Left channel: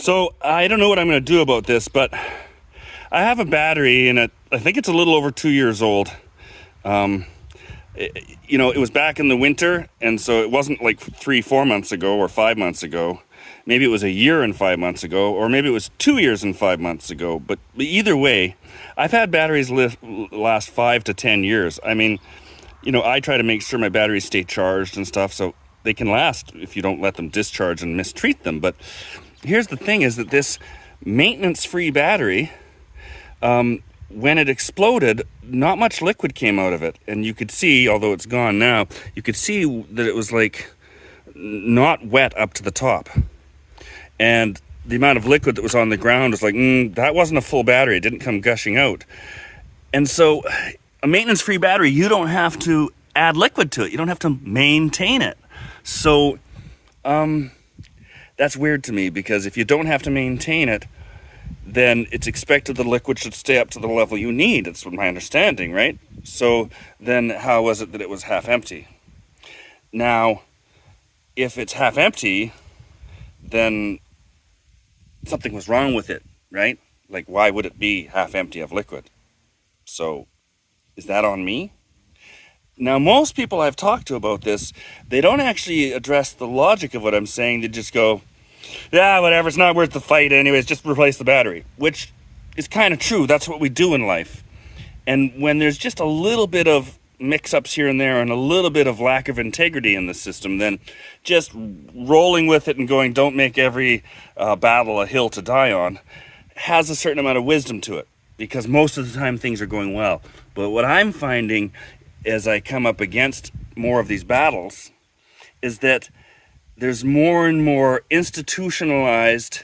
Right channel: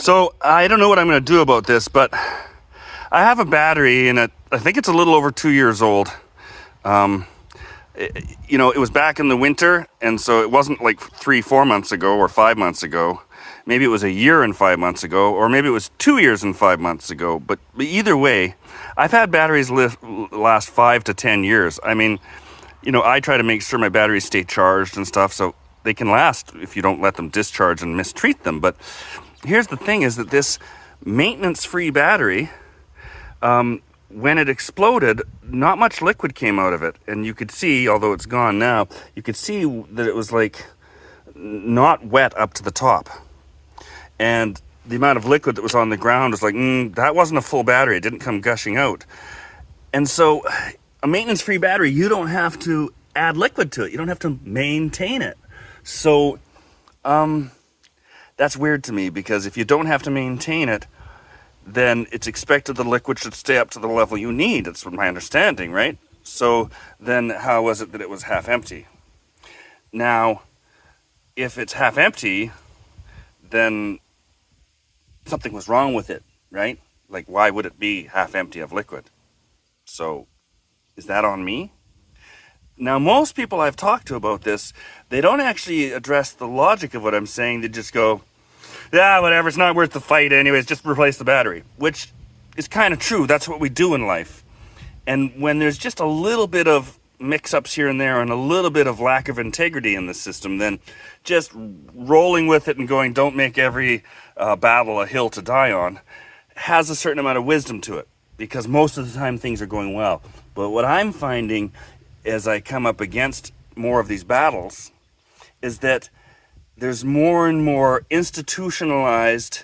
So I don't know what I'm going to do about this, but I have a battery and I think it's a little over 2 years old. Um, it was back in the winter, and so it wasn't like 3, 4 months ago or 5 months ago. Maybe it was a year and 5 months ago, or maybe it was 2 years and 5 months ago. But either way, I've had batteries last 5 to 10 years. I mean, I try to make sure my batteries stay charged and stuff, so they can last if you don't let them discharge and mistreat them. But here's the thing is that this maintenance-free battery, when it exploded, not much liquid came out of it. And you could see, although it's gone now, you could see that it was like not wet up to the top. And the amount of liquid that was on the ground was like, that wasn't a full battery. It didn't come gushing out. And so a maintenance-free battery, you don't have to add liquid to it. You don't have to maintain it. So that's weird to me, because if you don't have to maintain it, then it's expected the liquid should stay up to the level you need. That's what my understanding, right? So then how was it that it was half empty? Now, if it's half empty, then something was wrong with it, right? Like, why would it be half empty of liquid? So is that on me? Now, most people I've talked to about this, they don't actually address the logic of what I'm saying. They just go, yeah, whatever, it's not worth the fight anyways, just replace the battery, which is kind of true. That's what we do in life. And when there's just a little bit of mix-ups here and there and a little bit of lack of integrity in the system, then just rolling with it and going, don't make every battle a hill to die on, has a certain amount of wisdom to it, because most of the time things are going well. But what I'm finding as I come up against more of these battles is that there's more and more institutionalized,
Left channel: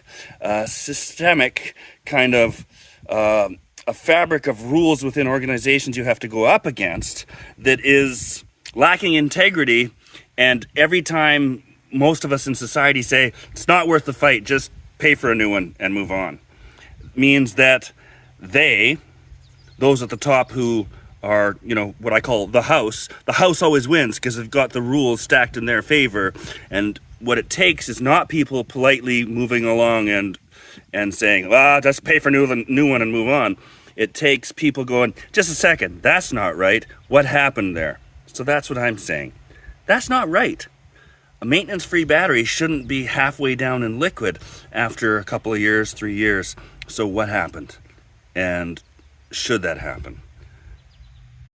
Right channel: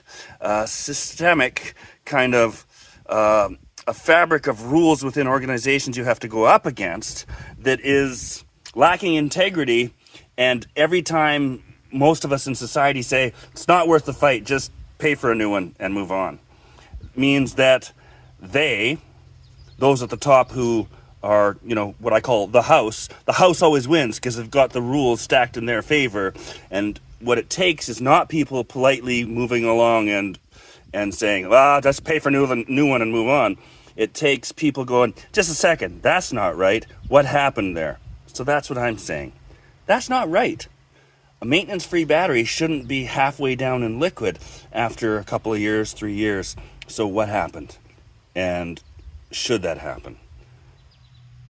systemic kind of a fabric of rules within organizations you have to go up against that is lacking integrity. And every time most of us in society say, it's not worth the fight, just pay for a new one and move on, means that those at the top who are, what I call the house always wins because they've got the rules stacked in their favor. And what it takes is not people politely moving along and saying, let's pay for a new one and move on. It takes people going, just a second, that's not right. What happened there? So that's what I'm saying. That's not right. A maintenance-free battery shouldn't be halfway down in liquid after a couple of years, 3 years. So what happened? And should that happen?